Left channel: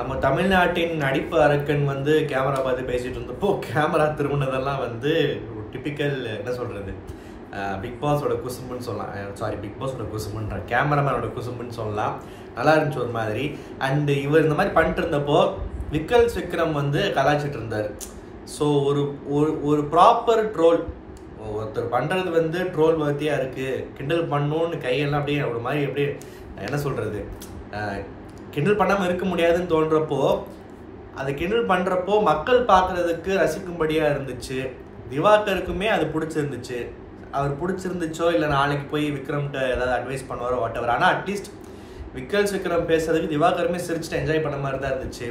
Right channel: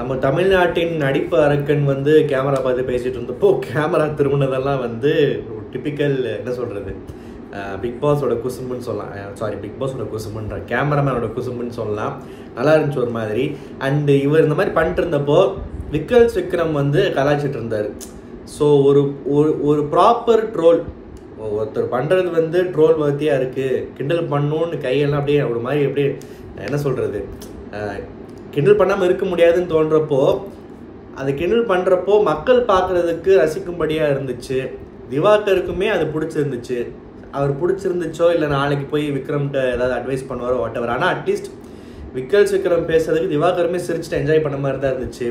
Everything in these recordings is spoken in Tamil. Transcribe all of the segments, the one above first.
நம்ம தமிழ்நாட்டின் நடிப்பு அரக்கன் வந்து கேமரா பார்த்து பேசிட்டு இருந்தப்போ கேமரா திரும்பினதெல்லாம் வந்து ஒரு டிபிக்கல் என்ன சொல்றது பிக் பாஸோட குசும்புன்னு சொல்லலாம். சாரி, பிக் பாஸோட குசும்புன்ற கேமராமேனோட குசும்புன்னு சொல்லலாம். நல்லா இருந்துச்சு ஒரு மாதிரி. அண்ட் இவர் இந்த மாதிரி பண்ணிட்டு இருந்தப்போ விக்ரம் வந்து கலாய்ச்சிட்டு இருந்தார். ஸோ ஒரு ஒரு ப்ராப்பர் ட்ரோல் ஒருத்தர் பண்ணுறது வந்து ட்ரோல் வர்த்தியாக இருக்குது, கிண்டல் பண்ணணும்னு கையெல்லாம் அப்படியே ஒரு மாதிரி அப்படியே என்ன சொல்கிறது, கிண்டல் பண்ணாமல் இருக்க முடியாதுன்னு தோன்றப்போ அதை கிண்டல் பண்ணுறப்போ மக்கள் பார்க்குறதுக்கு ரசிக்கும்படியாக இருந்துச்சு. திவாகருக்குமே அது பிடிச்சிருந்துச்சு. அவர் பிடிச்சிருந்துச்சோ இல்லை நாளைக்கு போய் விக்ரம்கிட்ட ஏதாவது அட்வைஸ் பண்ணுவாரோ வாட்டவர். ஆனால் அட்லீஸ்ட் விக்ரம் பேசுறதுக்கு திவாகருமே சிரிச்சுட்டு என்ஜாய் பண்ண மாதிரி தான் இருந்துச்சு.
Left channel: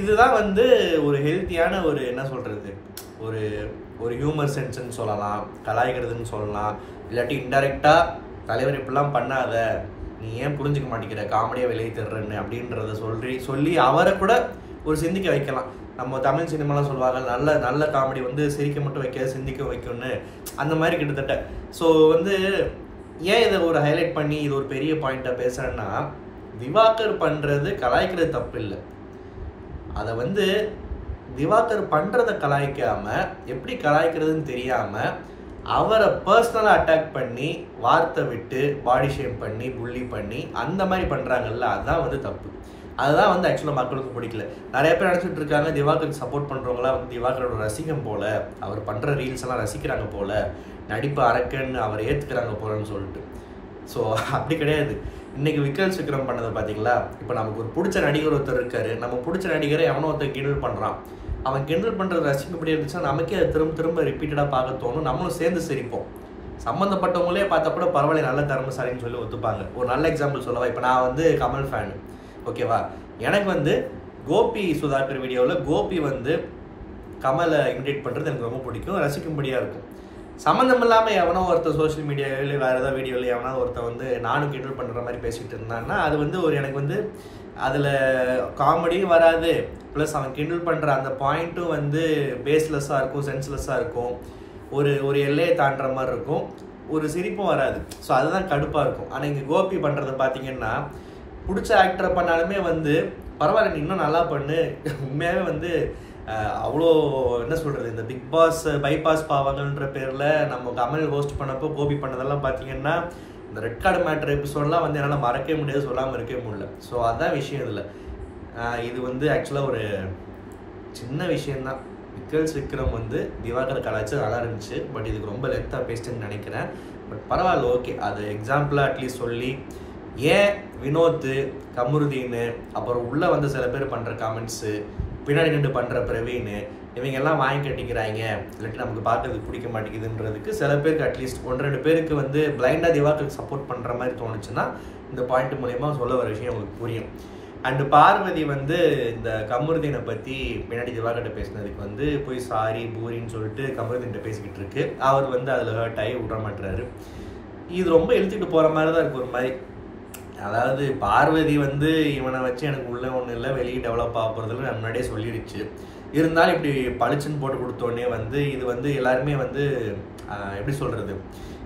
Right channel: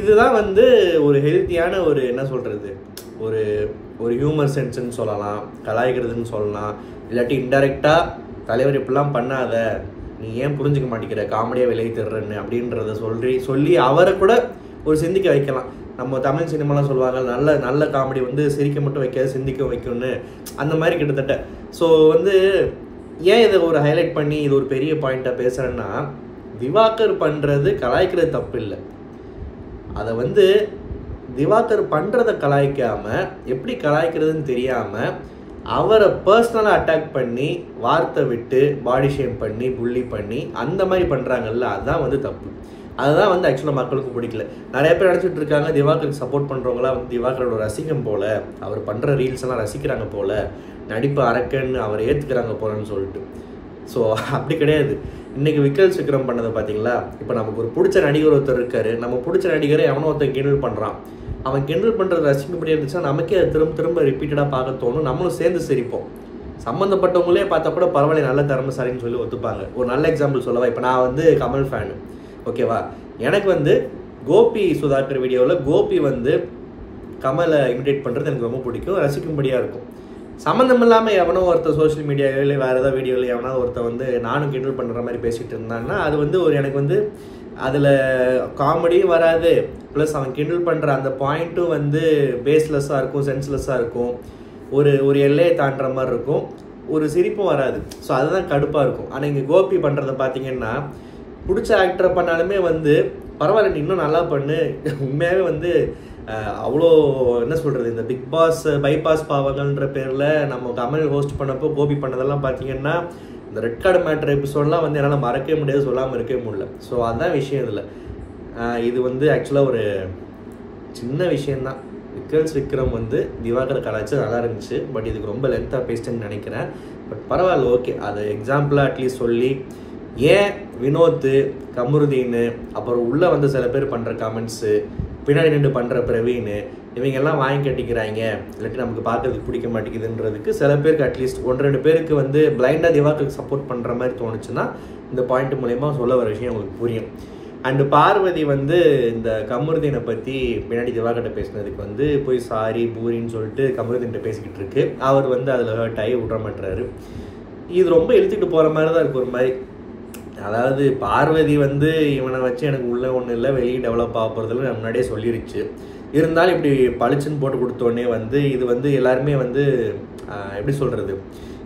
இதுதான் வந்து ஒரு ஹெல்த்தியான ஒரு என்ன சொல்கிறது, ஒரு ஒரு ஹியூமர் சென்ஸ்ன்னு சொல்லலாம், கலாய்க்கிறதுன்னு சொல்லலாம். இல்லாட்டி இன்டெரக்டாக தலைவர் இப்படிலாம் பண்ணாத, நீ ஏன் புரிஞ்சுக்க மாட்டேங்கிற, காமெடியாக விலை தர்றன்னு அப்படின்றத சொல்லி அவரை கூட ஒரு சிந்திக்க வைக்கலாம். நம்ம தமிழ் சினிமாலாம் சொல்லுவாங்க, நல்ல நல்ல காமெடி வந்து சிரிக்க மட்டும் வைக்காது சிந்திக்க வைக்கும்னு, அந்த மாதிரி கிட்டத்தட்ட. ஸோ வந்து ஏன் இதை ஒரு ஹைலைட் பண்ணி இது ஒரு பெரிய பாயிண்டாக பேசுகிறேன்னா, திவாகர் பண்ணுறது கலாய்க்கிறது தப்பு இல்லை. அதை வந்து திவாகர் பண்ணுறதை கலாய்க்காமல் எப்படி கலாய்க்கிறதுன்னு தெரியாமல் அவரை பர்சனலாக அட்டாக் பண்ணி வார்த்தை விட்டு பாடி ஷேம் பண்ணி புள்ளி பண்ணி அந்த மாதிரி பண்ணுறாங்கல்ல, அதுதான் வந்து தப்பு. அதுதான் வந்து ஆக்சுவலாக மக்களுக்கு பிடிக்கல. நிறைய பேர் நினச்சிட்டு இருக்காங்க திவாகருக்கு சப்போர்ட் பண்ணுறவங்களாம் வந்து திவாகரோட ரசிகம் போல், அவர் பண்ணுற ரீல்ஸ் எல்லாம் ரசிக்கிறாங்க போல், நடிப்பு அரக்கன்னு அவர் ஏற்றுக்கிறாங்க போலன்னு சொல்லிட்டு. ஸோ அப்படி கிடையாது. இன்னைக்கு விக்ரம் பண்ணதை பார்த்தீங்களா? இப்போ நமக்கு ஒரு பிடிச்ச நடிகர் ஒருத்தர் இருக்காரு, நம்ம பிடிச்ச நடிகரை எவனோ ஒருத்தர் கிண்டல் பண்ணுறான், அவன் கிண்டல் பண்ணுறது ரசிக்கப்படி இருந்துச்சுன்னா நமக்கே அது திரும்ப ரிப்பீட்டடாக பார்க்க தோணும், நம்மளும் சேர்ந்து சிரிப்போம். சம்மந்தப்பட்டவங்களே பார்த்தா கூட பரவாயில்ல நல்ல திறமைசாலின்னு சொல்லி ஒத்துப்பாங்க. ஒரு நல்ல எக்ஸாம்பிள் சொல்லவா, இப்போ நான் வந்து கமல் ஃபேனு, ஓகேவா? எனக்கு வந்து கோபி சுதாகர் வீடியோவில் கோபி வந்து கமலை இமிடேட் பண்ணுறது எனக்கு ரொம்ப பிடிக்கும், ரசிக்கும்படியாக இருக்கும். சம்மந்தம் இல்லாமல் எவனோ ஒருத்தர் சோஷியல் மீடியாவில் வேறு ஏதாவது வீடியோவில் எவனோ ஒருத்தர் வந்து நானும் கிண்டல் பண்ணுற மாதிரி பேசிகிட்டு இருந்தான்னா அது வந்து ஒரு எனக்கு வந்து அதில் காமெடியும் வராது, ப்ளஸ் அவன் கிண்டல் பண்ணுற அந்த பாயிண்ட்டும் வந்து பேஸ்லெஸ்ஸாக இருக்கும், சென்ஸ்லெஸ்ஸாக இருக்கும், ஒரு எல்லையை தாண்டுற மாதிரி இருக்கும், ஒரு சிரிப்பும் வராது. ஸோ அதுதான் கடுப்பாக இருக்கும். ஆனால் இங்கே கோபி பண்ணுறத பார்த்தீங்கன்னா பிடிச்ச ஆக்டரை பண்ணாலுமே வந்து பரவாயில்ல நீ இன்னும் நல்லா பண்ணு, உண்மையாகவே வந்து அவ்வளோ என்ன சொல்கிறது, இந்த பிக் பாஸ் பைபாஸ் பாவங்கள்ன்ற பேரில் நம்ம கமல் ஹோஸ்ட் பண்ணப்போ கோபி பண்ணதெல்லாம் பார்த்தீங்கன்னா இந்த ரெட் கார்டு மேட்டர் எபிசோடெலாம் வந்து என்னால் மறக்கவே முடியாது, சொல்லாமல் இருக்கவே முடியல. ஸோ அதுதான் விஷயம் இதில். இது வந்து ஆக்சுவலாக ஒரு சின்ன விஷயந்தான். விக்ரம் வந்து திவாகர் கலாச்சாரம் நல்லா இருந்துச்சு, பட் இதுக்கு ரொம்ப லென்த்தாக பேசிட்டேன்னு நினைக்கிறேன். பட் பரவாயில்ல, ஓகே. அதை எக்ஸாம்பிளாக அட்லீஸ்ட் சொல்லி ஏன் வினோத், கமருதீன், அப்புறம் உள்ளே வந்து சில பேர் பண்ணுற கமெண்ட்ஸு, பின்னாடி நின்று பண்ணுற பிரவீன், இவங்கெல்லாம் வாங்கி கட்டிக்கிறாங்க, இல்லாட்டி நமக்கு பார்க்கறதுக்கு பிடிக்க மாட்டேங்குதுன்றதுக்கு சில பேருக்கு அட்லீஸ்ட் 1-2 பேருக்கு வந்து பிளைண்டாக திவாகருக்கு சப்போர்ட் பண்ணுற மாதிரி தோணுச்சுன்னா இந்த பாயிண்ட் மூலயமா சொல்ல வர விஷயம் உங்களுக்கு புரியும். அண்டு பார்வதி வந்து இந்த கமருதீனை பற்றி பின்னாடி திவாகர்கிட்ட பேசினதுக்கு வந்து போய் சாரி பூரின்னு சொல்லிட்டு கமருதீன்கிட்ட பேசிக்கிட்டு இருக்கு. அவர் வந்து அதில் ஹர்ட் ஆகி விட மாட்டுறாரு. இது ரொம்ப இழுத்துட்டு போகிற மாதிரி தான் இருக்குது ஒரு மாதிரி. அதாவது பார்வதி வந்து இவனை வச்சு எனக்கு உள்ள ஒன்றும் இல்லை, வெளியே டெவலப் ஆக போகிறதுல முன்னாடியே சொல்லிருச்சு. இருந்தாலும் இப்படி பளிச்சுன்னு போட்டு கொடுத்தோடனே வந்து இது வந்து எல்லாருமே வந்து எப்படி சொல்கிறது,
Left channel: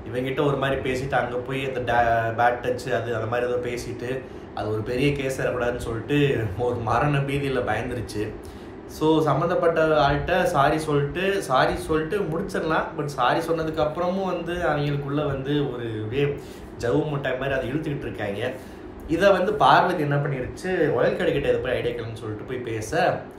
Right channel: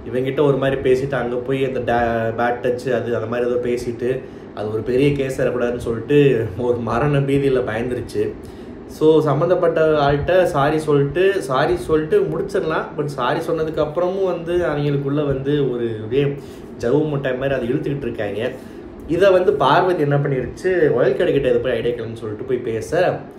இவங்கிட்ட ஒரு மாதிரி பேசிட்டு அங்கே போய் அந்த பேட் டச்சு அது அந்த மாதிரி ஏதோ பேசிட்டு அது ஒரு பெரிய கேஸ் வரக்கூடாதுன்னு சொல்லிட்டு ஒரு மரண பீதியில் பயந்துருச்சு. ஸோ சம்மந்தப்பட்ட ஆள்கிட்ட சாரி சொல்லிட்டு முடிச்சிடலாம். பட் சாரி சொன்னதுக்கு அப்புறமும் வந்து அவங்களுக்குள்ள வந்து ஒரு இதே ஜவு முட்டை மாதிரி அதை இழுத்துக்கிட்டு இருக்காங்க. இதை வந்து பார்வதி என்ன பண்ணிருச்சு, ஒயல் கடைக்கிட்ட இதை போய் ஐடியா கிளம்புன்னு சொல்லிட்டு போய் பேச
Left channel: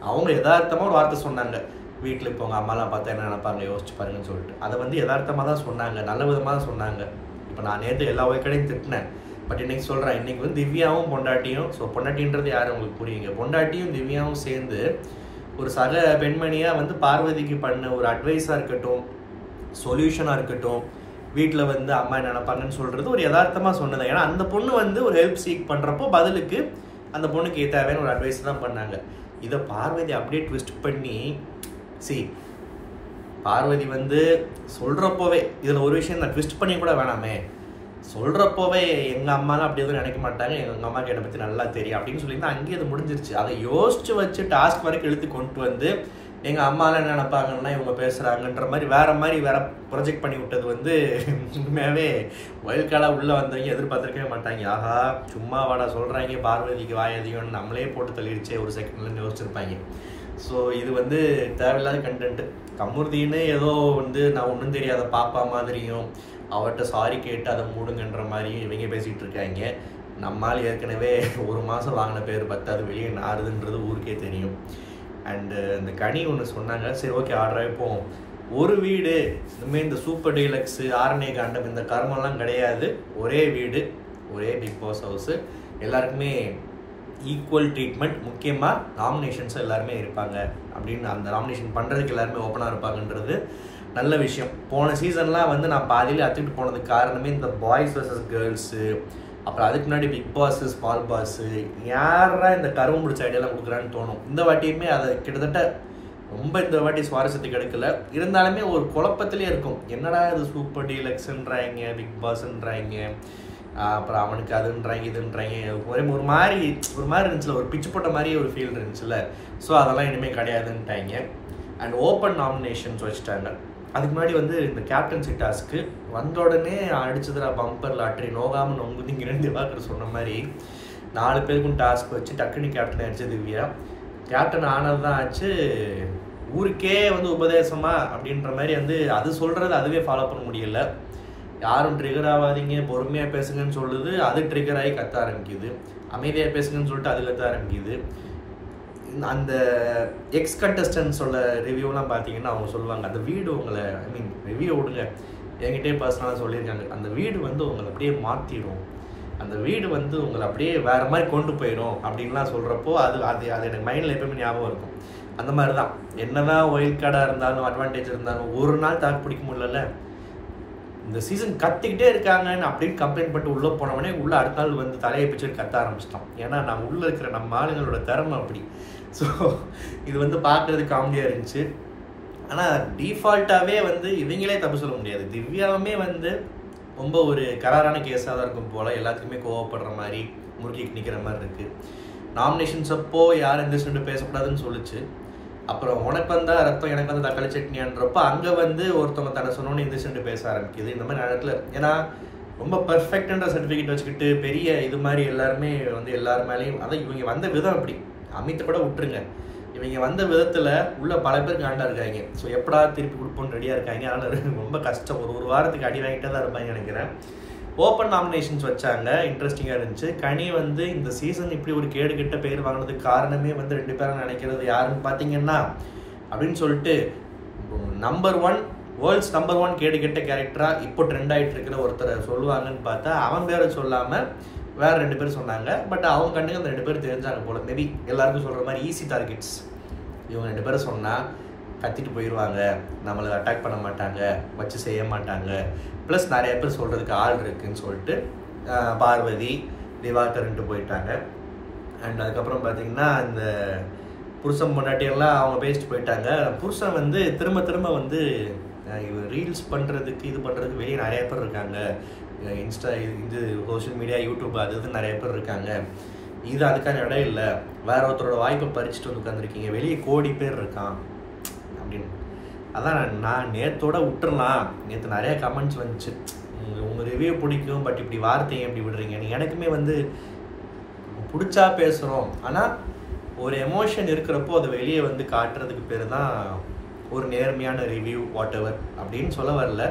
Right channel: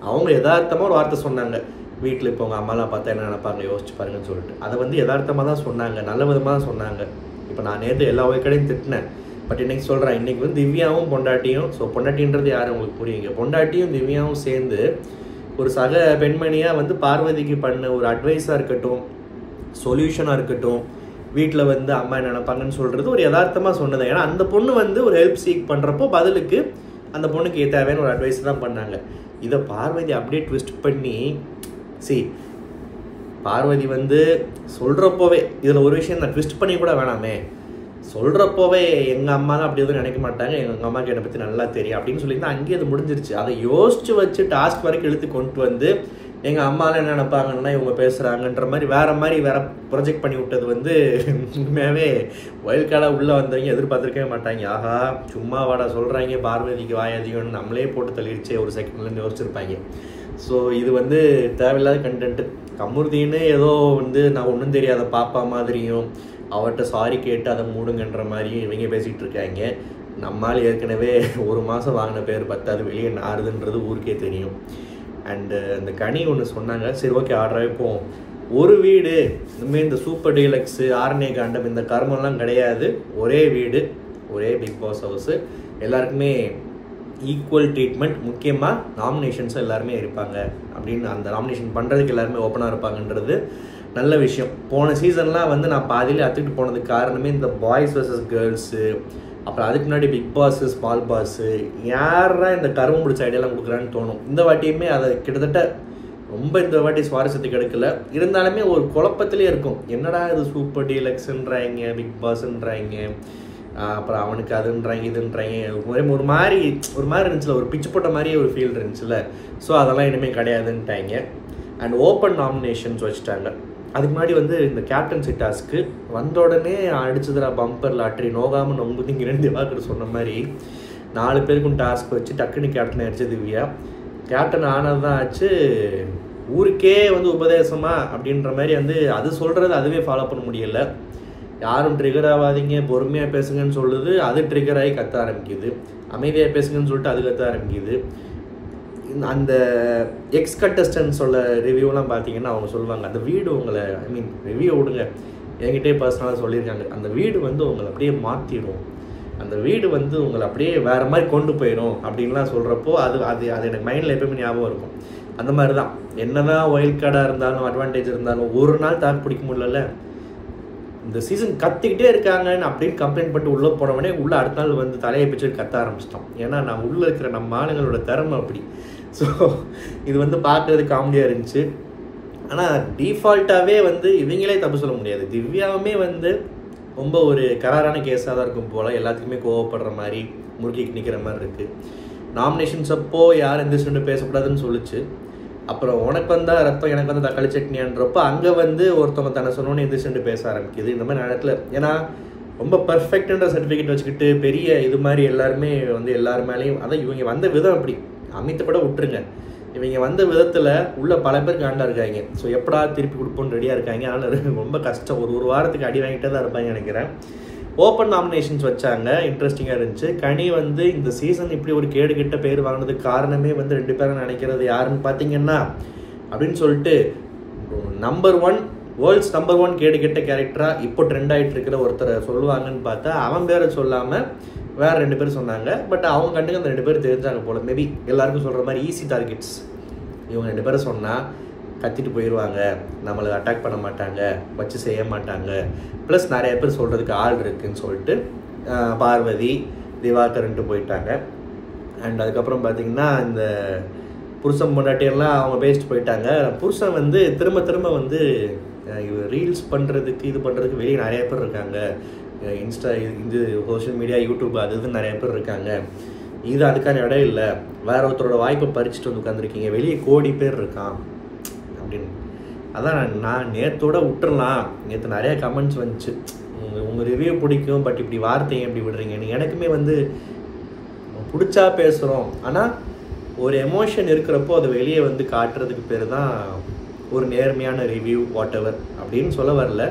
அவங்க யதார்த்தமாக ஒரு வார்த்தை சொன்னாங்க, வீட்டில் இப்போ உங்கள் அம்மாலாம் பார்த்தா என்ன நினைப்பாங்க யோசிச்சு பாருங்கன்னு சொல்லிட்டு. அதை வந்து யதார்த்தமாக தான் சொன்னாங்க, நல்ல விதமாக தான் சொன்னாங்க. இப்போ நான் நேற்று எல்லா ஒயல் கடையும் திட்டினேன், பட் இன்னைக்கு சொல்கிறேன், இன்னைக்கு வந்து திவ்யாவும் பொண்டாட்டியும், ஸோ பொண்டாட்டின்றது யாரும் உங்களுக்கு புரியுங்க, பொண்டாட்டியும் திவ்யாவும் சேர்ந்து ஒரு சக பெண்மணியாக வந்து பார்வதிக்கு பண்ண ஒரு அட்வைஸாக இருக்கட்டும், சொல்யூஷனாக இருக்கட்டும், வீட்டில் வந்து அம்மா என்ன நினைப்பாங்கன்னு சொல்கிறது ஒரு யதார்த்தமாக சொன்னது. ஏன்னா அந்த பொண்ணு வந்து ஒரு ஹெல்ப் சீக் பண்ணுறப்போ பதிலுக்கு அந்த பொண்ணுக்கு தேவையான ஒரு அட்வைஸ் தான் பண்ணாங்க. இதை பார்வதி அப்படியே ட்விஸ்ட் பண்ணி பார்வதி வந்து சொல்கிறப்போவே இதில் ஒரு விஷயம் நான் ட்விஸ்ட் பண்ணி கூட வேணாமே, சொல்கிறப்போவே எங்கள் அம்மாலாம் அப்படி எதுவும் நினைக்க மாட்டாங்க, எங்கள் அம்மாவுக்கு என்னை பற்றி நல்லா தெரியும் அப்படின்னு சொல்லியிருந்தா அங்கேயே அது முடிஞ்சிருச்சு. அதை யோசிச்சு வச்சு டாஸ்க் வரைக்கும் இழுத்து கொண்டு வந்து எங்கள் அம்மாலாம் என்ன நினைப்பாங்கன்னா இவங்க பேசுகிறாங்கன்ற மாதிரி வேற ப்ரொஜெக்ட் பண்ணி விட்டது வந்து உண்மையாகவே வைல்ட் கார்டாக உள்ளே வந்தவங்க எதிர்பார்த்துருக்கவே மாட்டாங்க. ஆஹா சும்மா வாடா சொல்கிறாங்க பார்வதிக்கு வாய் அதிகம்னு நம்மளே போட்டு தள்ளிடுச்சே ஒரு செகண்ட்லேருந்து யோசிச்சிருப்பாங்க. ஸோ இது வந்து தேவையில்லாத கண்டென்ட்டு. கமுருதின்னு ஏதோ வந்து நான் ஒன்றும் தெரியாத பாப்பா மாதிரியும் அவர்கிட்ட சாரி கேட்டு அதை மூடுங்கன்ற மாதிரியும் இவங்க பேசிகிட்டு இருக்காங்க. நம்மால் ஏற்கனவே ஒரு மாதம் வாங்கின பேர் 10 வெளியே நாறுதுன்றது ஊருக்கே தெரியும். அண்டு அந்த கனி ஒன்று சொன்னாங்க, சரி ஓகே ஆர்டராகவே போவோம். ஒரு வீடு இனிமேல் இந்த சூப்பர் டீலக்ஸு ஆர்னே காண்டம் இந்த கர்மம்லாம் கிடையாது. ஒரே வீடு, ஒரே பிக் பாஸ் ஹவுஸு, எல்லாருக்குமே ஈக்குவல் ட்ரீட்மெண்ட், முக்கியமாக நாமினேஷன்ஸும் எல்லாருமே இருப்பாங்க அப்படின்னு அந்த நாமினேஷன் பண்ணுறதுக்கு எல்லாருமே ஓப்பனாக இருப்பாங்கன்றது நல்ல விஷயம். போன சீசன்லாம் வந்து நான் பாதியில் அத்துக்கிட்டு போனதுக்கு காரணமே இந்த பாய்ஸ் வர்சஸ் கேர்ள்ஸு, அப்புறம் அதுக்கு முன்னாடி பிக் பாஸு ஸ்மால் பாஸு, யாரா இந்த கரும்பு பிடிச்ச ஐடியாலாம் கொடுக்குறான்னு தோணும். இந்த வாட்டியுமே அதை கிட்டத்தட்ட ரொம்ப இந்த வாட்டி சுவாரஸ்யத்துக்கு எடுக்கல. இருந்தாலுமே ஒரு குழப்பத்திலே இருக்கும், என்னடா இது சூப்பர் டீலக்ஸ்ன்றாங்க, பிக் பாஸ்ன்றாங்க, அப்புறம் அவனுக்கு அதுன்றாங்க இதுன்றாங்க, ஒரு மாதிரி இருந்துச்சுல, ஒரு பிச்சு போட்ட மாதிரியே ஒரு ஃபீல் இருந்துச்சுல. ஸோ அதெல்லாம் இனிமேல் கிடையாதுன்ட்டாங்க. அண்ட் ஓப்பன் நாமினேஷன்ஸ் வச்சுட்டாங்க. அதுக்கு முன்னாடி வந்து இந்த கேப்டன்சி டாஸ்க்கு வந்த உடனே அடிச்சதுரா பம்பர் லாட்ரி நோகாமல் நொங்குதிங்க 2 வாக்கு சொன்ன மாதிரி 4 பேருக்கும் டாஸ்க் வச்சு டக்குன்னு கேப்டன் ஆயிடுச்சு திவ்யா. கேப்டன் ஆனது தான் ஆச்சு, ஊருக்கே வந்து உபதேசமா அப்படின்ற மாதிரி வந்து அது சொல்கிறது அதுவே ஃபாலோ பண்ண முடியலை. யாரும் ட்ரிகர் ஆகாதீங்க பொறுமையாக பேசுங்கன்னு சொல்லுது, அது ட்ரிகர் ஆகி கத்த ஆரம்பிக்குது. அமைதியாக பேசுங்கன்னு சொல்லிட்டு அது கத்த ஆரம்பிக்குது. அந்த எக்ஸ் கண்டஸ்டன்ஸோட ரிவ்யூலாம் பார்த்தீங்கன்னா அவங்க சொல்லுவாங்க, அந்த வீடு உங்களை ரிவ்யூ விடுங்க, என்கிட்டே பர்சனலாக சொல்லியிருக்காங்க, அந்த வீடு வந்து உங்களை அப்படியே மாற்றிடும், அந்த வீடு வந்து உங்களை அப்படியே வேறு மாதிரி கொண்டு போயிடும் அப்படின்லாம் சொல்கிறப்போ அது அது அது எனக்கு மைண்டில் எப்பவுமே ஞாபகம் இருக்கும். அந்த மாதிரி தான் என்ன தான் ஒயில்ட் கார்டாக இருந்தாலும் அட்வான்டேஜ் இருந்தாலும் ஒரு நாள் தாக்கு பிடிக்க முடியல. இந்த சீசன் கத்திக்கிட்டே இருக்காங்கன்னு அப்படின்னு கம்ப்ளைண்ட் பண்ணிட்டு உள்ளே போனவனே உள்ளே அடுத்த நாள் வந்து தலையை பிடிச்சி கத்த ஆரம்பிச்சிட்டோம். ஏன்னா நம்ம உள்ளே இருக்கிற நம்ம ஆளுங்களோட திறமை அப்படி. ஸோ இது வந்து பார்க்கறதுக்கு காமெடியாக இருந்துச்சு. ஆனால் டிஃபால்ட்டாகவே வந்து இவங்களே தப்பு சொல்ல முடியாது. திவ்யாவுமே வந்து ரொம்ப ஒரு கராரான கேஸாக தான் இருக்கும் போல், எல்லாத்துக்குமே கோவப்படுற மாதிரி முறுக்கிக்கு நிற்கிற மாதிரி இருக்குது. நாமினேஷன்ஸ் அப்போ யார் எந்த சென்று பேசக்கூடாதுன்னு சொல்லிச்சு. அப்புறம் உனக்கு வந்தா ரத்தம் எனக்கு வந்து தக்காளி சட்னியான்றப்போ அங்கே வந்து ஒருத்தவங்க தன்னை சொன்னோன்னு எந்திரிச்சு பேச ஆரம்பிக்குது. இந்த மாதிரி நேரத்தில் ஏன்னா ரொம்ப பர்ஃபெக்ட்ன்ற சர்டிஃபிகேட் வச்சுக்கிட்டு பெரிய இது மாதிரி எல்லாருமே வந்து எல்லாரு மேலேயும் அதான் இவங்க வந்த விதம் அப்படி. அமித்தை கூட விட்டுருங்க, இவங்க வந்த விதத்தில் உள்ள பல பேர் காண்டா இருக்காங்க. ஸோ எப்படா திருப்பி கொடுப்போன்னு ரெடியாக இருக்காங்க. அதனால் ரொம்ப கஷ்டம், ஒரு வாரத்துக்கு அடி வாங்கிட்டே தான் இருப்பாங்க நினைக்கிறேன். ஓப்பன் நாமினேஷன்ஸ் வச்சாங்க, இன்ட்ரெஸ்டிங்காக இருந்துச்சு. கனி வந்து இந்த சீசன் இப்படி ஒரு கேடு கிட்ட பேர் வாங்கினதுக்கு காரணமே வந்து 2 பேரும் நினைக்கிறது யாருன்னு பார்த்தீங்கன்னா அப்படின்னு சொல்லிட்டு நம்பர் 1 வேர்ல்ட்ஸ் நம்பர் 1 கேடு கெட்ட கேரக்டராக இப்போ ட்ரெண்ட் ஆகிட்டு இருக்கிற ஒருத்தரை சொல்லுவாங்கன்னு பார்த்தா அவன் பேரை சொல்லாமல் வேற 2 பேர் சொன்னாங்க. பட் அவங்க கண்டுக்கு அந்த 2 பேர் தெரிஞ்சாங்க போல. மேபி எல்லாருக்கும் சொல்கிற மாதிரி ஈஸி டார்கெட்ஸ். இவங்க 2 பேரை சொன்னால் கத்திட்டு போயிடுவாங்க, நம்மளை அட்டாக் பண்ண மாட்டாங்க, வச்சு செய்ய மாட்டாங்க, ப்ளஸ் நிறைய பேர் சொல்கிறதுக்கு ஆள் இருக்குதுன்னு சொல்லிட்டு பார்வதி திவாகரன்ட்டு போயிட்டாங்க. அண்ட் அதுக்கப்புறம் பார்த்தீங்கன்னா இந்த புருஷன் பொண்டாட்டியெல்லாம் அவங்க பேசிட்டு போயிட்டாங்க. புருஷன் வந்து திரும்ப வந்து ரீல்ஸ் பண்ணுறதுக்கு இது பண்ணுறதுக்கு வெளியே நிறைய பேர் இருக்காங்க, இன்ஸ்டா இது சோஷியல் மீடியா யூடியூப் அது இது நிறைய பேர் இருக்காங்க, இது அதுக்கான இடம் இல்லை, வேற ஒருத்தரோட வாய்ப்பை பறிச்சுட்டு வந்து உட்காந்துருக்கீங்க, வெளியே கோடி பேர் இருக்கான் அப்படின்னு. அதான் நான் நேற்றோட விட்டுறலாம், நேற்று நிறைய கமெண்ட்ஸ் வந்துச்சு, உங்கள் ரிவ்யூ பிடிக்கும் பட் இப்படி வார்த்தையை எப்படி விடுறீங்கன்னு. எனக்குமே வந்து பிடிச்சா பேசுகிறோம், ஆனால் ஒரு எமோஷன் இருக்கிறப்போ அதை வெளியே வந்து காட்டுறதுக்கு பேர் தான் ஒரு நேர்மையான ரிவ்யூ வாட் எவர் அப்படின்னு சொல்ல வரல.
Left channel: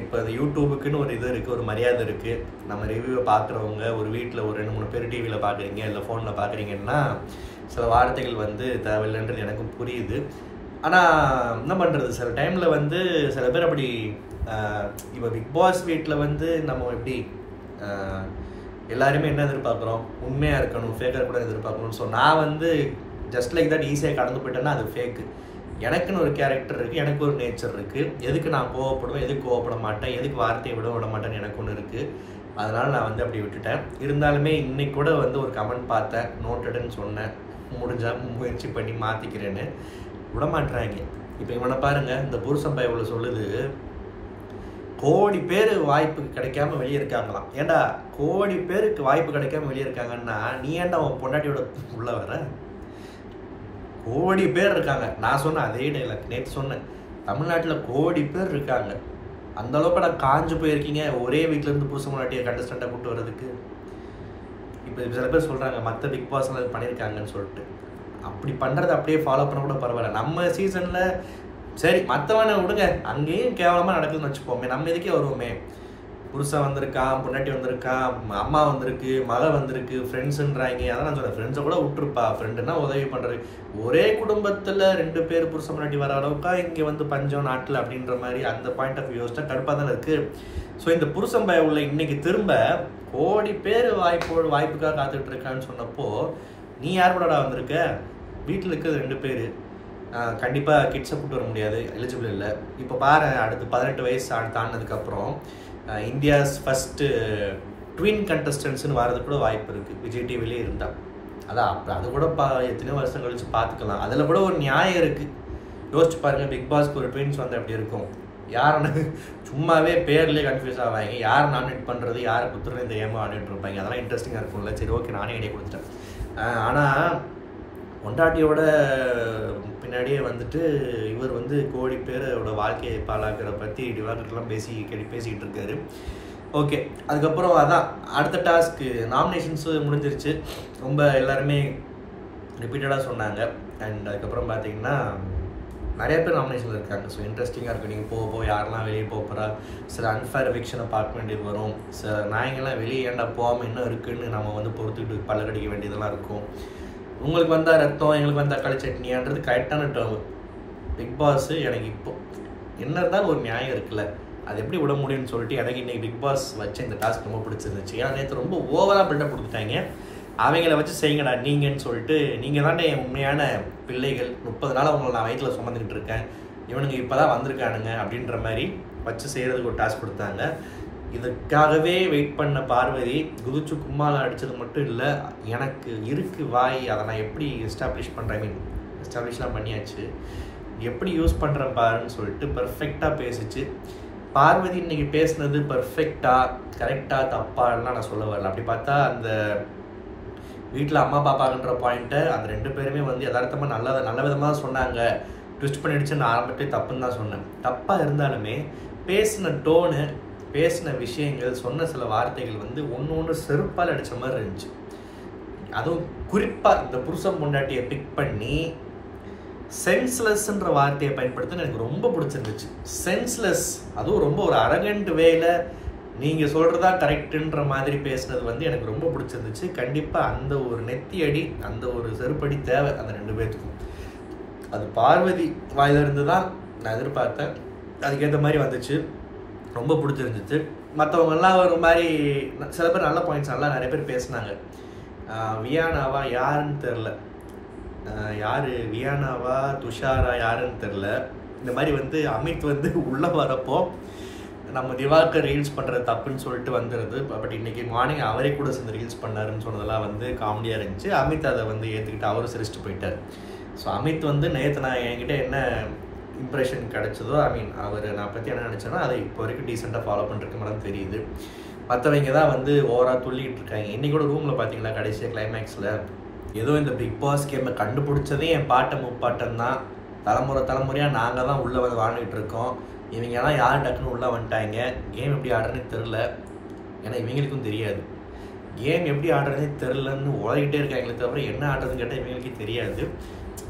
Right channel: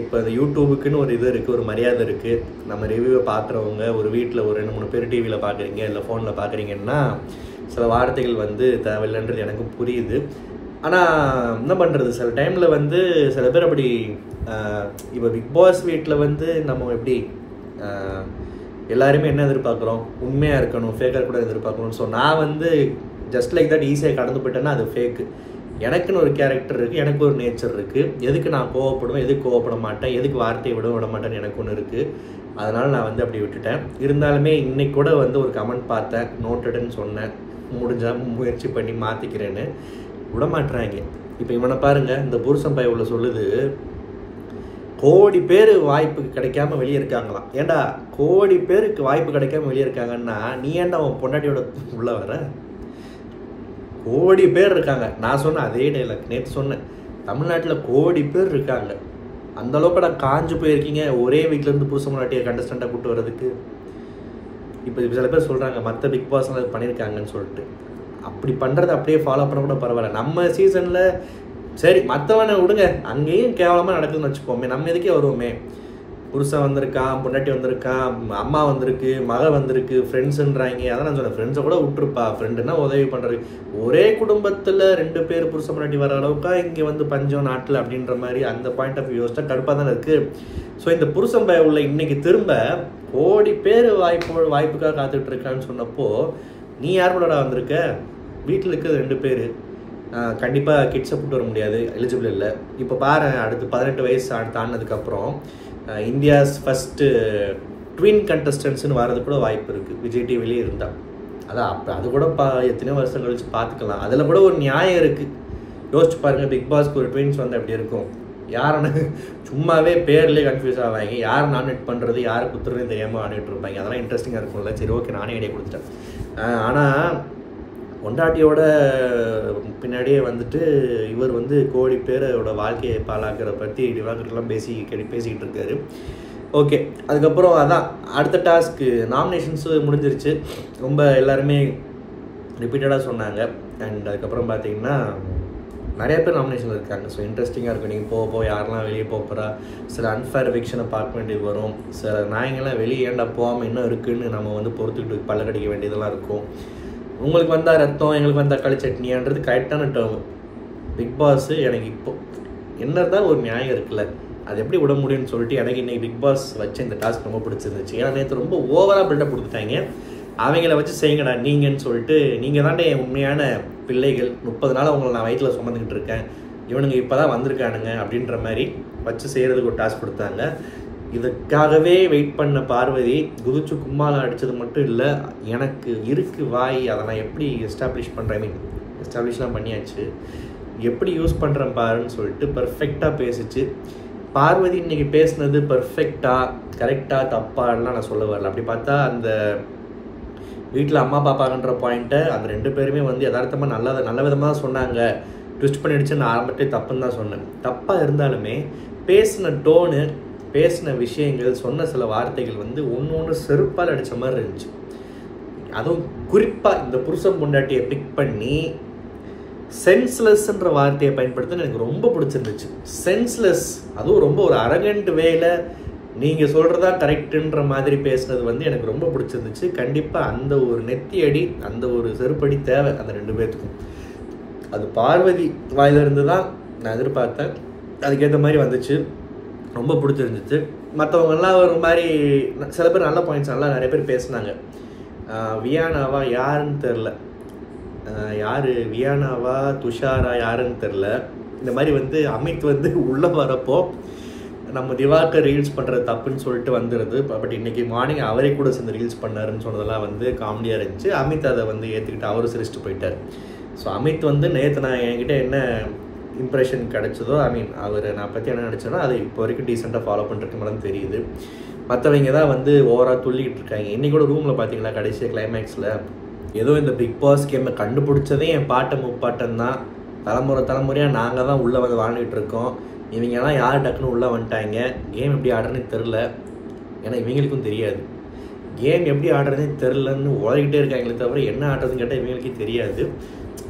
இப்போ அது யூடியூபுக்குன்னு ஒரு இது இருக்குது, ஒரு மரியாதை இருக்குது. நம்ம ரிவ்யூவை பார்க்குறவங்க ஒரு வீட்டில் ஒரு 2-3 பேர் டிவியில் பார்க்குறீங்க இல்லை ஃபோனில் பார்க்குறீங்கன்னா சில வார்த்தைகள் வந்து தேவையில்லைன்றது எனக்கும் புரியுது. ஆனால் என்ன பண்ணுறது, சில டைமில் வந்து சில பேர் அப்படி இப்போ பிக் பாஸ் வீட்டில் வந்து நம்ம எப்படி எல்லாருமே என்ன எதிர்பார்க்குறோம், உண்மையாக இருக்கணும், ஃபேக்காக கூட எதிர்பார்க்கணும். ஸோ நான் வந்து ஜஸ்ட் லைக் தட் ஈஸியாக கடந்து போயிட்டேன்னா அது ஃபேக்கு. எனக்குன்னு ஒரு கேரக்டர் இருக்குது, எனக்கு ஒரு நேச்சர் இருக்குது, எதுக்கு நான் கோவப்படுவேன், எதுக்கு கோவப்பட மாட்டேன், எதுக்கு வார்த்தையை விட மாட்டேன்னு எனக்கு ஒன்று இருக்குது. அதனால் நான் வந்து அப்படி விட்டுட்டேன். இருந்தாலுமே இன்னைக்கு கூட வந்து ஒரு கமெண்ட் பார்த்தேன், நோட்டடுன்னு சொன்னேன், முடிஞ்சால் முயற்சி பண்ணி மாற்றிக்கிறேன்னு. விடமாட்டுறாங்க. இப்போ இவனை பாருங்கள், இந்த புருஷன் பைய உள்ள சொல்லுது கோடி பேர் வாய்ப்பு கிடைக்காம வெளியே இருக்காங்களாம். ஏண்டா கோடி பேருக்கு வாய்ப்பு கிடைக்காம வெளியே இருக்காங்கன்னா நீ ஏன்டா அவன் பொண்டாட்டியோட உள்ள வர? கோடி பேர் இருக்காங்க. நான் சொன்னேன் அதே டைலாக் நேற்று சொன்னேன், தமிழ்நாட்டில் கோடி பேர் இருக்காங்க. அந்த அளவுக்கு நான் காஞ்சு போயிருக்கீங்க ஒரே வீட்டிலேருந்து புருஷ முன்னாட்டியை கண்டஸ்டண்ட்டாக கூப்பிட்டு வர்றதுக்கு. இப்போ சில பேர் சொல்கிறாங்க மற்ற பிக் பாஸ் பண்ணியிருக்காங்கன்னு சொல்லிட்டு. அப்படி பண்ணுறது அப்படியே ஃபாலோ பண்ண கூட பரவாயில்ல. நம்ம சீசனில் சரி மற்றவனை விடுங்க, அங்கேயும் கேவலமாக நடக்குதுன்னு வச்சுப்போமே, நம்ம இதுக்கே வருவோமே. புருஷன் வந்திருக்கான், பொண்டாட்டி வந்திருக்கான், அம்மா வந்திருக்கு, மக வந்திருக்கு, ஃப்ரெண்ட்ஸுன்றாங்க. அதான் நான் சொன்னேன், ஃப்ரெண்ட்ஸை கூட விட்டுருப்பா, ஃப்ரெண்டுன்னா உதவி பண்ணுறது. ஒரே குடும்பத்தில் 2 பேர் புருஷ பொண்டாட்டி வர அளவுக்கா இங்கே வந்து பஞ்சம் நாட்டில் அப்படின்ற மாதிரி அந்த பாயிண்ட் ஆஃப் வியூ யோசிச்சா கடுப்பாக தானே இருக்குது. ஸோ இந்த புருஷன் பய உள்ள இன்னைக்கு திரும்ப கோடி பேர் வாய்ப்புக்காக காத்துட்டு இருக்கான்னு சொன்னப்போ, நீ யார் கூடடா வந்திருக்க? வீட்டில் இருக்கிறது 2 பேர், கண்டிப்பாக கிட்ஸை கூட்டு வர முடியாது, எலிஜிபிள் இல்லை. இப்போ பாரு, அடுத்து 18 வயசு தாண்டினதுக்கப்புறம் இந்தியாஸ் ஃபஸ்ட்டு ட்வின் கண்டஸ்டன்ட்ஸ்னு வர்றது கூட வாய்ப்பு இருக்குது விஜய் டிவிலே இருந்தால். அதான் அப்போ அது கூட எத்தனையோ வருஷம் கழிச்சு பார்த்துக்கலாம். அதில் கூட ஒரு நியாயம் இருக்குது. யோசிச்சு பாருங்கள், பிக் பாஸ்க்கு ஒரு ட்வின்ஸ் வந்து அப்படி இருக்கும். யாருன்னு சும்மாவே பேர்லேயே கன்ஃபியூஸ் ஆவாங்க. யார் நாமினேட் பண்ணுறது, யாரை குத்துறதுன்னு தெரியாமல் ஆடிட்டு இருப்பாங்க. அதெல்லாம் இன்ட்ரெஸ்டிங்காக இருக்கும்ல. சரி ஓகே, நானே ஐடியா கொடுத்துட்டேன். ஆனால் பொண்டாட்டியோட பின்னாடியே வந்துட்டு இவர் வந்து கோடி பேரோட வாழ்க்கையை பாழாக்கிற பற்றி டிவாகர்லாம் பேசிக்கிட்டு இருக்காரு. ஓகே, அதுக்கப்புறம் அதான் அடுத்த டாஸ்க்கு நாமினேஷன்ஸு முடிஞ்சிருச்சு. ரொம்ப எல்லாருமே ரிப்பீட்டடாக சொன்னாங்க. அண்ட் அதுக்கப்புறம் பார்த்தீங்கன்னா நிறைய பேர் நாமினேஷன் இருக்காங்க. ஸோ இன்ட்ரெஸ்டிங்காக இருக்கும். நீங்கள் போக யாரெல்லாம் வெளியே போகிறா, சில அன்ஃபேர் எவிக்ஷனை பார்க்க வேண்டியது வரும். சில நாயங்கள்லாம் வெளியே ஏண்டா போகாமல் இன்னும் இருக்குதுன்னு நம்ம வந்து பொறுத்துக்கிட்டு பல்ல கடிக்க வேண்டியதெல்லாம் இருக்கும். உங்களுக்கு வந்தால் ரத்தம், எங்களுக்கு வந்தால் தக்காளி சட்னியான்றது கரெக்டான டேர்ம். பிக் பாஸ் எனக்கு இப்போ என்ன இருந்தாலும் ஒரு நியாயம் இருக்குல்ல, அது எப்படி விட முடியும்னு சொல்லிட்டு எனக்கு இன்றைக்கி பிக் பாஸ் வச்சு இந்த டாஸ்க் ரொம்ப பிடிச்சிருந்துச்சு. ஏன்னா நேற்று ரொம்ப ஓவராக பில்டப் கொடுத்துட்டாங்க. அவங்கள வச்சு செய்யுங்கடா நீங்கன்னு சொல்லிட்டு, நீங்கள் தாண்டே என் உண்மையான பிள்ளைகள், 30 நாள் அவங்களை நான் வயிற்றில் சுமந்துக்கிட்டு இருக்கேன், இவனுங்க இப்போ தான் வந்திருக்கானுங்க அப்படின்ற மாதிரி வச்சு செய்கிறதுக்கு ஒரு டாஸ்க் கொடுத்தாங்க. இதுக்காகவே வெயிட் பண்ண பார்வதி குதிச்சு கும்மாலாம் அடித்தது மட்டும் இல்லை, எனக்கு இருக்கு வாய், அதை நான் எப்படி எஸ்டாப்ளிஷ் பண்ணுறேன், எஸ்டாப்ளிஷ்லாம் பண்ணியாச்சு, எப்படி யூஸ் பண்ணுறேன் பாருன்னு சொல்லிட்டு பர்ஃபெக்டாக பேசிச்சு. பார்வதி இன்றைக்கி பேசுனது பர்ஃபெக்டாக கரெக்டாக தப்பாலாம் நான் சொல்ல வரல. அப்படி பார்த்தா அந்த வீட்டில் அம்மா பாப்பாங்கன்ற பாயிண்ட்டை அந்த 2 பேருமே வந்து யதார்த்தமாக நல்ல விதமாக சொன்னாங்க. ட்விஸ்ட் பண்ணிடுச்சு, நான் ஆரம்பத்திலே தப்புன்னு தான் சொன்னேன். தப்பாக இருந்தாலுமே பேசின டோனு, பேசின விஷயங்கள், சொன்ன சில வார்த்தைகள் வந்து ஒன்று செருப்பால் அடித்த மாதிரி இருந்துச்சு. அதுவும் குறிப்பாக இந்த புருஷன் பொண்டாட்டியை பிக் பண்ணி சென்ஸ்லெஸ்ன்ற வார்த்தையை பயன்படுத்த எனக்கு ரொம்ப பிடிச்சிருந்துச்சு. சென்ஸ்லெஸ், அதுவும் ரொம்ப ஒரு அரகண்ட் வேல நீங்கள் சொல்கிறதா கரெக்டுன்ற மாதிரி பேசுனது வந்து எனக்கு ரொம்ப பிடிச்சிருந்துச்சு. கண்டிப்பாக அந்த ஒரு நெத்தி அடி, அந்த ஒரு செருப்படி தேவை அந்த 2 பேர்த்துக்கும். அது பார்வதி வாயிலிருந்து தான் நான் எதிர்பார்த்தேன். அதுக்கேற்ற மாதிரி வந்துச்சு, ரொம்ப பிடிச்சிருந்துச்சு. மற்றவங்கெல்லாம் ஒரு மாதிரி சில பேர் நல்ல பாயிண்ட்ஸ் நல்லா நிறைய பேர் பேசுனாங்க. வியானாவா யாருன்னு தெரில, யார் வியானாவா துஷாரா யாருன்னு தெரில. இந்த மாதிரி வந்து அமித் வந்து உள்ளே வரப்போ நம்ம திவாகர் ரீல்ஸ் பண்ணுறது தப்புன்னு சொல்லிட்டு வந்துடுது. பட் இன்றைக்கி மார்னிங் அவரே கூட சேர்ந்து ரீல்ஸ் பண்ணாருன்னு சொன்னதெல்லாம் வந்து காமெடியாக இருந்துச்சு. அமித் அதை வந்து ஏற்றுக்கிட்டு அவரும் சிரிச்சுட்டு போயிட்டார். ஸோ அமித் வந்து நேற்று நான் என்கிட்ட என்ன இம்ப்ரெஷன் கிடச்சதோ, அவர் நான் பற்றி என்ன நினச்சேனோ அதை இப்போ வரைக்கும் டீசெண்டாக ஃபாலோ பண்ணிருக்க மாதிரி தெரியுது. மற்றவங்க தான் வந்து ஓவராக துள்ளிக்கிட்டு இருக்காங்க. இன்றைக்கி கூட ரூமில் பார்த்தீங்களா, கடைசியாக கிளைமேக்ஸில் ஏதோ இந்த பிக் பாஸ் கேமை கண்டுபிடிச்சதே என் பாட்டம் முப்பாட்டம் தான். தலைமுறையாக நாங்கள் தான் உள்ளே வந்து வாழ்ந்துகிட்டு இருக்கோம். இவங்க தான் யார் டக்குன்னு உள்ளே வந்துட்டாங்க. கேம் எப்படி ஆடுறதுன்னு தெரில, ஏன்னா இவங்களுக்கும் தெரியாது. கேம் எப்படி ஆடுறதுனே தெரிலன்னு உலகிட்டே இருக்காங்களே தவிர என்ன ஆடுறதுன்னு கேட்டால் இவங்களுக்கே தெரியாது.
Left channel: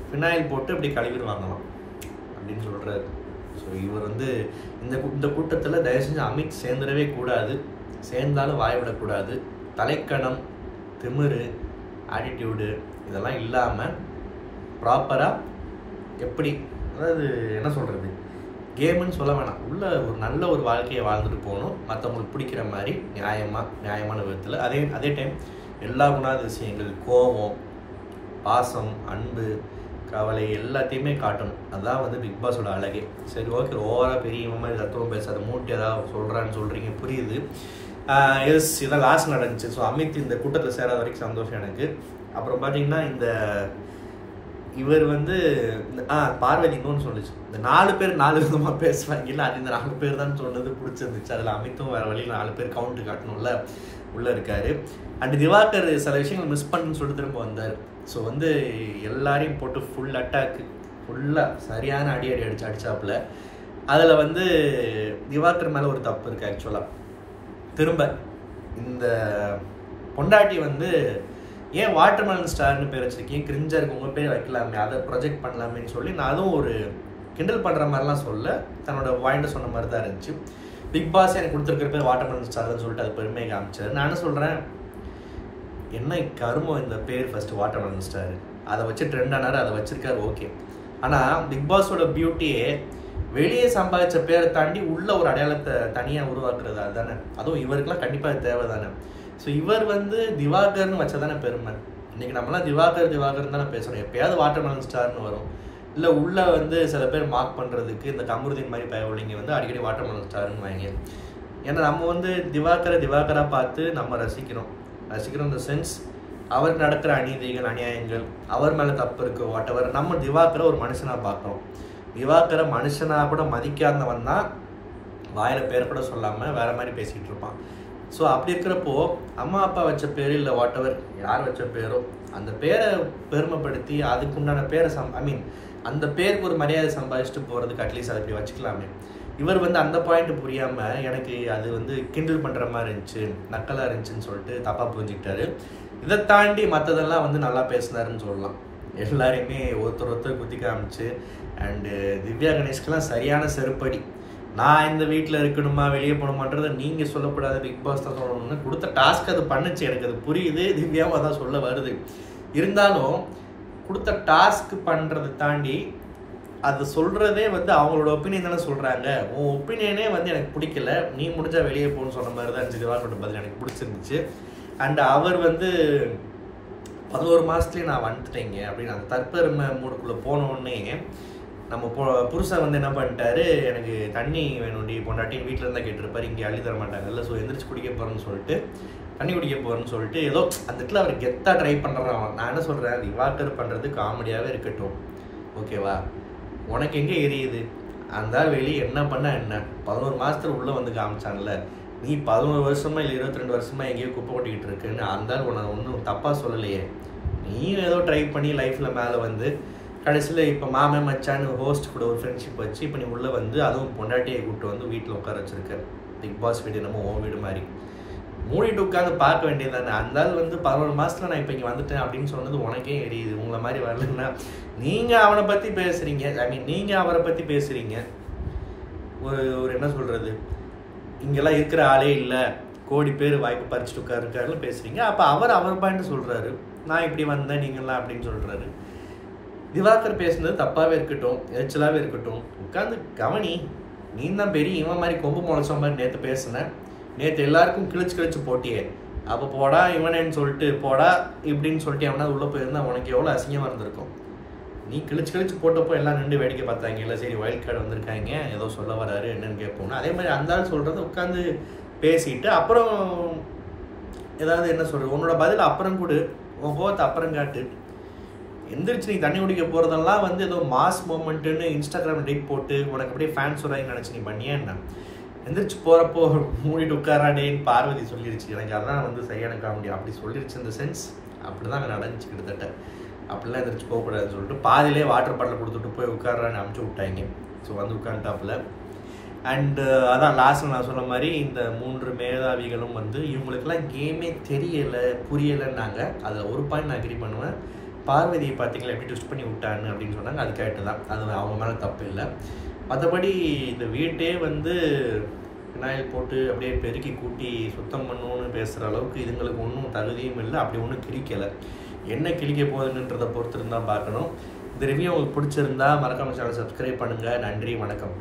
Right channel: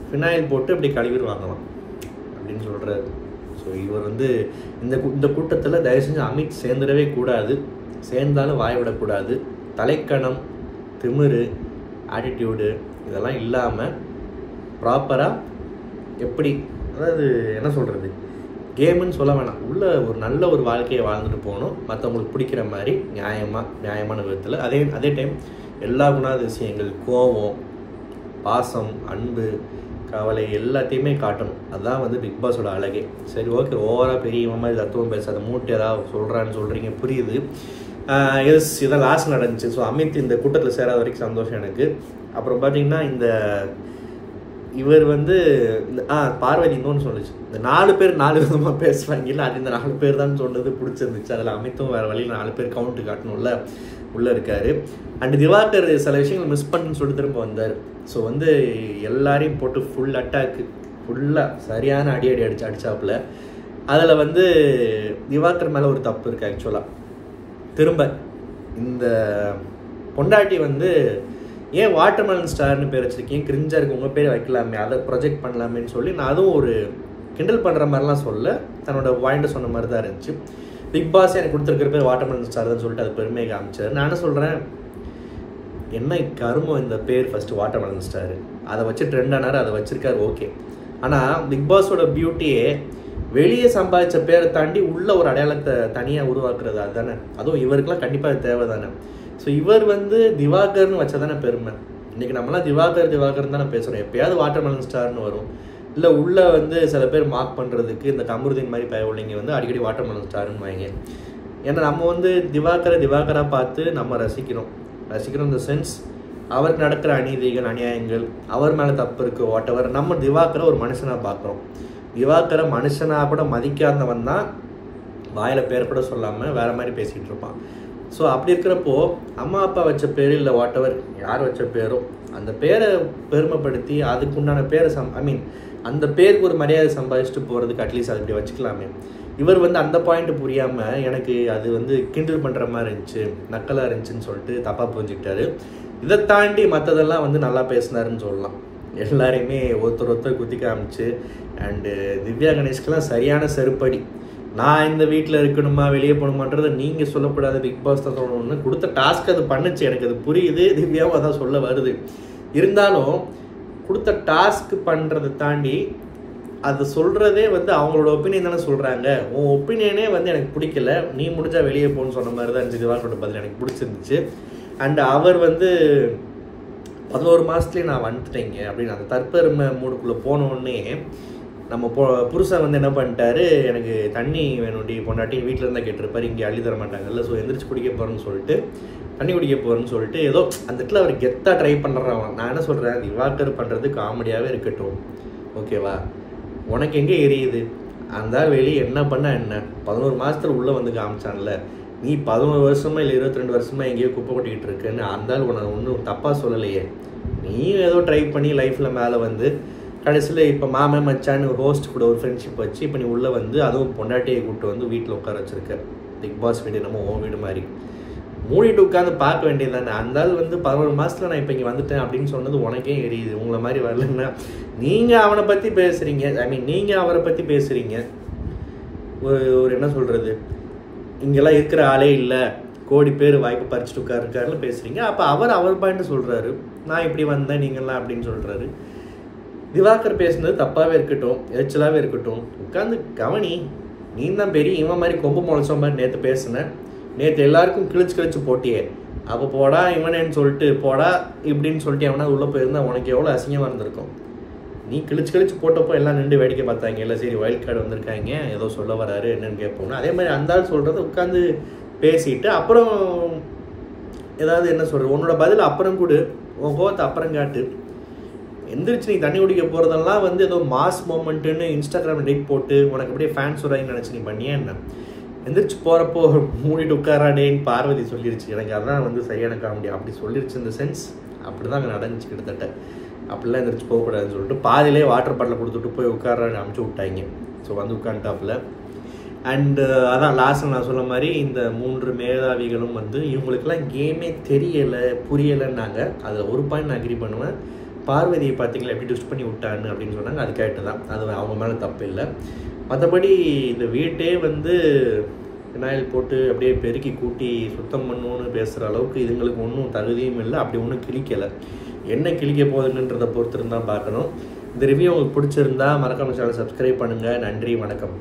ஃபினாயில் போட்டு இப்படி கழுவிடுவாங்களாம் அப்படின்னு சொல்கிறாரு. ஸோ இவர் வந்து இந்த கூட்டத்தில் தயவு செஞ்சு அமித் சேர்ந்துடவே கூடாது. சேர்ந்தாலும் வாய் விடக்கூடாது. தலைக்கணம், திமிரு, ஆட்டிடியூடு இதெல்லாம் இல்லாமல் ப்ராப்பராக எப்படி, அதாவது என்ன சொல்கிறது, கேமுன்னு சொல்ல வேணாம், உள்ள ஒரு நல்ல ஒரு வாழ்க்கையை வாழ்ந்துட்டு போகணும். மற்றவங்களுக்கு பிடிக்கிற மாதிரி நியாயமான விதத்தில். அதே டைம் எல்லா குணாதிசயங்கள், கோபம், பாசம், அன்பு, கவலை எல்லாத்தையுமே காட்டணும். அதுதான் வந்து பிக் பாஸோட அழகே. சரி ஓகே, ஓவராக பெரிய மாதிரி தத்துவம் பேசாத, மூட்டு ஏதாவது சொல்கிறீங்க, புரியுது. இதான் லாஸ்ட் நடந்துச்சு. ஸோ அமித் இந்த கூட்டத்தில் சேராத வரைக்கும் சந்தோஷம் எனக்கு. அப்புறம் பார்த்தீங்கன்னா இவர் வந்து பார்வதி இன்னொன்று சொல்லிச்சு, இந்த 4 பேர் 4 விதமாக பேசுவாங்க இல்லை, அது இந்த 4 பேர் தான் சொன்னது பிடிச்சிருந்துச்சு. அதில் அமித்தும் வேறு வழியில் 4 பேர் கவுண்ட்டு காட்டணும்ல, உள்ளே இருக்காரு. அண்ட் திவாகர் சில விஷயங்கள் மிஸ் பண்ணுன்னு சொல்லிட்டு திரும்ப வந்தார். ஸோ வந்து எல்லாரையும் போட்டு ஃபுல் அட்டாக்கு, ஃபுல்லாக சரியான அடி அடிச்சாப்புல. அதில் வந்து திவாகர் மேலே ஒரு தப்பு இருக்குது ஆக்சுவலாக. திரும்ப இந்த பொண்டாட்டி வந்து ஏன் வாட்டர்மெலன் ஸ்டார்னு பேர் வச்சுருக்கீங்க, கிரிஞ்சாக இருக்கு, உங்கள் பேர் வைக்கலாமே, அதை ப்ரொஜெக்ட் பண்ணலாமேன்னு சொல்லி நான் அதுவும் ஒரு கிண்டல் பண்ணுற மாதிரிலாம் சொல்ல, தன்னோட பாயிண்ட்டை சொன்ன மாதிரி தான் இருந்துச்சு. பிக் பாஸ் எனக்கு கொடுத்துருக்கிற பேர் வாட்டர்மெலன் ஸ்டார் தான் சொல்லிட்டு அது பெருமையை காமிச்சார். நான் என்ன சொல்கிறேன், என்ன கருமம் இந்த பேர், ஃபஸ்ட்டு வாட்டர்மெலன் ஸ்டார், அதை வச்சு ட்ரெண்ட் ஆனார், அதை வச்சுருக்காரு, ஓகே. ஆனால் பிக் பாஸோட பியூட்டியே வெளியே சம்பாதிச்ச பேரை தாண்டி உள்ள ஒரு அடையாளத்தை தனியாக உருவாக்குறது அதுதானே. அதுவும் இவருக்கெல்லாம் கண்டிப்பாக அது தேவை தானே. ஸோ இவர் வந்து திவாகர்னு வச்சதானே பெருமை. இன்றைக்கி நம்மளாம் திவாகர் தானே பேசுகிறோம். எப்பயாவது வாட்டர்மெலன் ஸ்டார்னு வரும். இல்லை உள்ளே வந்து சில பேர் மார்க் பண்ணுறதுக்கு இந்த கமருதீன் மாதிரி பயவுள்ளிங்க வந்து அடிக்கடி வாட்டர்மெலன் ஸ்டார்னு வாங்க. ஏன்னா நம்ம வந்து திவாகராக பார்த்து நம்ம ரசிக்கிறோம் இந்த சென்ஸ். அவருக்கு நடக்கிற அநீதிகள், அநியாயங்கள், அவர் மேலே தப்பு இருக்குது, வாட்டவர். நம்ம திவாகரை ஒரு மனுஷனாக பார்க்குறோம். திவாகரை மனுஷனாக கூட மதிக்காதவன் தான் வாயில் பேரை கூட சொல்லாமல் வேறு மாதிரி பேசிகிட்டு இருப்பான். ஸோ அப்படி இருக்கிறப்போ அம்மா அப்பா வச்ச பேர் இல்லை வாட்டவர் யார் வச்ச பேரோ அந்த பேரை பெருமைப்படுத்தி அதுக்குண்டான பேரை அந்த பேருக்கு ஒரு மரியாதை சம்பாதிச்சுட்டு போகிறதுக்கு அட்லீஸ்ட் அதை இப்படி வச்சுக்கலாமே. இவர் வந்து அந்த பாயிண்ட் புரியாமல் எனக்கு அது வந்து கிண்டல் பண்ணுற மாதிரி இருந்துச்சு, நக்கலாக இருந்துச்சுன்னு சொல்லிட்டு தப்பாக புரிஞ்சுக்கிட்டாரு. இதை தாண்டி மற்றதெல்லாம் வந்து நல்லா பேசினாருன்னு சொல்லலாம். எல்லாரையுமே ஒருத்தர் குத்தி காமிச்சு. அண்டு திவ்யா கணேஷ்கெல்லாம் சரியான செருப்படி. நான் இந்த வீட்டில் இருக்கணுமா வெளியே போகணுமான்றதை நீங்கள் சொல்லக்கூடாது, பிக் பாஸ் தான் சொல்லணும்னு கொடுத்த டாஸ்க் அது பண்ணுச்சு. எனக்கு அது புரியுது, திவ்யாவும் அதான் சொல்ல வருது. இருந்தாலும் கொடுத்த டாஸ்க் பண்ணுறதை தாண்டி அது சொல்கிறதே வந்து அவங்களோட ஒப்பீனியன் தானே சொல்கிறாங்க. உன் ஒப்பீனியனே வந்து எனக்கு பிடிக்கல, நீ முடிஞ்சால் வெளியே போகணுன்னு சொன்ன மாதிரி தான் இருந்துச்சு. திவாகரோட பதில் எனக்கு பிடிச்சிருந்துச்சு. அண்ட் அவர் வந்து 11 மாதத்துலேயே நான் வந்துட்டேங்க அப்படின்னு அந்த தற்பெருமை மூடுக்குள்ளே போனோடனே நம்ம புருஷன் வந்து என்ன பண்ணிட்டாரு, எனக்கு தண்ணி வேணும்டி பொண்டாட்டி வீட்டில் இருந்தால் கேட்டிருப்பாரு, இங்கே அள்ளி தர மாட்டாங்கல்ல, ஸோ எந்திரிச்சு குடிக்க போகிறேன்னு சொல்லிட்டு தண்ணி குடிக்க போகிறேன்னு சொல்லிட்டு ஏதோ அந்த இடத்துல அவர் கெத்தாக ட்ரை பண்ணுறான். நான் என்ன சொல்கிறேன், திவாகர் பண்ணுறது காமெடியாகவே இருக்கட்டும், ஓகேவா? உனக்கு எங்கே எரியுது? அந்த வெளியே என்ன பண்ண என்ன 11 மாதத்தில் உள்ளே வந்து காமிச்சான்ல, நீ 11 வருஷமா இல்லை 22 வருஷமா எங்கேயோ குப்பை கொட்டிக்கிட்டு இருக்குன்னு அந்த உன்னை ஒன்றும் தப்பாக சொல்லலையே. நீ ஏதோ ட்ரை பண்ணி லைஃப்பில் மேலே வந்து கடைசியில் இப்போ மாமன் மச்சான்னு ஹோஸ்ட் கூட ஒரு ஃப்ரெண்ட்ஷிப் வச்சு இப்போ நீ உள்ளே வந்து அதுவும் பொண்டாட்டியை கூப்பிட்டு வந்து வீட்டில் உட்கார வச்சுருக்க. பிக் பாஸ் வீடு நம்ம உன் வீடு மாதிரி மூடிட்டு உட்காந்து பார்க்க வேண்டியது தானே. அந்த வந்து 11 மாதத்தில் நான் இப்போ இங்கே வந்துட்டேன் அப்படின்னு சொன்னது உனக்கே எரியுது. உங்களை மாதிரி வரலன்னா நீங்கள் அவனை பற்றி பேசுகிறீங்க, நீங்கள் அவரை பற்றி பேசுகிறீங்க. ஒரு என்ன சொல்கிறது, இங்கெல்லாம் இருக்கிற ஆளே இல்லை, கோடி பேர் வாய்ப்பு பறிச்சுட்டு உட்காருக்காருல பேசுகிறீங்க. அப்போ அவர் பாயிண்ட் சொல்கிறாரு, நான் இப்படி வந்தேன் நீங்கள்லாம் அப்படின்னு சொல்கிறாரு. திவாகர் பேசுனது தப்பாகவே இருக்கட்டும், எரிச்சலாகவே இருக்கட்டும், உட்காந்து கவனி. நீ தான் பெரிய இவன் மாதிரி கொம்பு முளைச்ச மாதிரி நேற்று பேசுனேன், நேற்று எல்லாருக்கும் கிழிச்சு போட்டியே, அப்போ போடா இவனேன்னு சொல்லிட்டு போடா இப்படின்னு சொல்லிட்டு எவனா உள்ளே போயிருந்தா உனக்கு எவ்வளோ அசிங்கமாக இருந்திருக்கும். நீ கிழிச்சு போட்டப்போ எல்லாம் நின்று வேடிக்கை பார்த்தாங்க, இல்லை சரி வைல்ட் கார்டு வந்திருக்காங்க ஏதோ சொல்ல வராரு என்னன்னு கேட்போம்னா, அதே மாதிரி அந்த ஆள் சொல்கிறத உட்காந்து பேசிட்டு அப்புறம் ஏதாவது என்ன சொல்கிறது உன்னோட பதில் அப்புறம் கூட உன் கோவத்தை அப்புறம் காட்டு. எந்திரிச்சு நீ தண்ணி குடிக்க போகிறதெல்லாம் வந்து ஏதோ மாஸ் மூமெண்ட்டுன்னு இன்ஸ்டாகிராம் டேட் போட்டு உனக்கு அப்படியே ஃபேன்ஸ் வராங்கன்னு நினச்சி நீ பண்ணியே என்ன? எந்திரிச்சு போகிறப்போ மூடிட்டு உட்காராடேன்னு பார்வதி சொல்லிருச்சு. எனக்கு அதான் வந்து சரியான காமெடி. அப்படி சொல்லிருச்சு இந்த சென்ஸ். அப்படி தான் அங்கே நடந்துச்சு கிட்டத்தட்ட. அப்படிலாம் எந்திரிச்சு போகக்கூடாதுன்னு சொல்லிட்டு பாதிலே வாட்டர் பாட்டில் கொடுத்துட்டு போய் உட்காரான்னு அமுச்சு விட்டாங்க. ஸோ வந்து உட்காந்துட்டாப்புல. அண்டு அதான் லாஸ்ட்டில் நான் சொன்ன மாதிரி இந்த 3 மேதாவிகளும் வந்து இவங்களுக்கெல்லாம் கேமே தெரியலை புரியலைன்னாங்க. அதில் ஒரு பாயிண்ட் நான் அக்ரி பண்ணுவேன். பார்வதியை பார்த்தீங்களா எப்படி ட்விஸ்ட் பண்ணி விட்டான்னு அப்படின்னு சொன்னாங்க. அது கேட்டு தான், அது அவங்க மேலே தப்பு இல்லை. மற்றபடி இந்த வீட்டே வந்து விநாயல் போட்டு அப்படியே பெருக்கி கூட்டி சுத்தம் பண்ணணும்னு பேசுகிற அளவுக்கு இதுங்களுக்கு ஒன்றும் தகுதியும் இல்லை. அப்படி ஒன்றும் கிழிக்கலை. என்ன கிழிக்க போகுதுன்றதை பொறுத்து இருந்தால் பார்க்கணும். இந்த ரிவ்யூ உங்களுக்கு பிடிச்சிருந்தா மறக்காம சேனல் சப்ஸ்கிரைப் பண்ணுங்கள். நன்றி, வணக்கம்.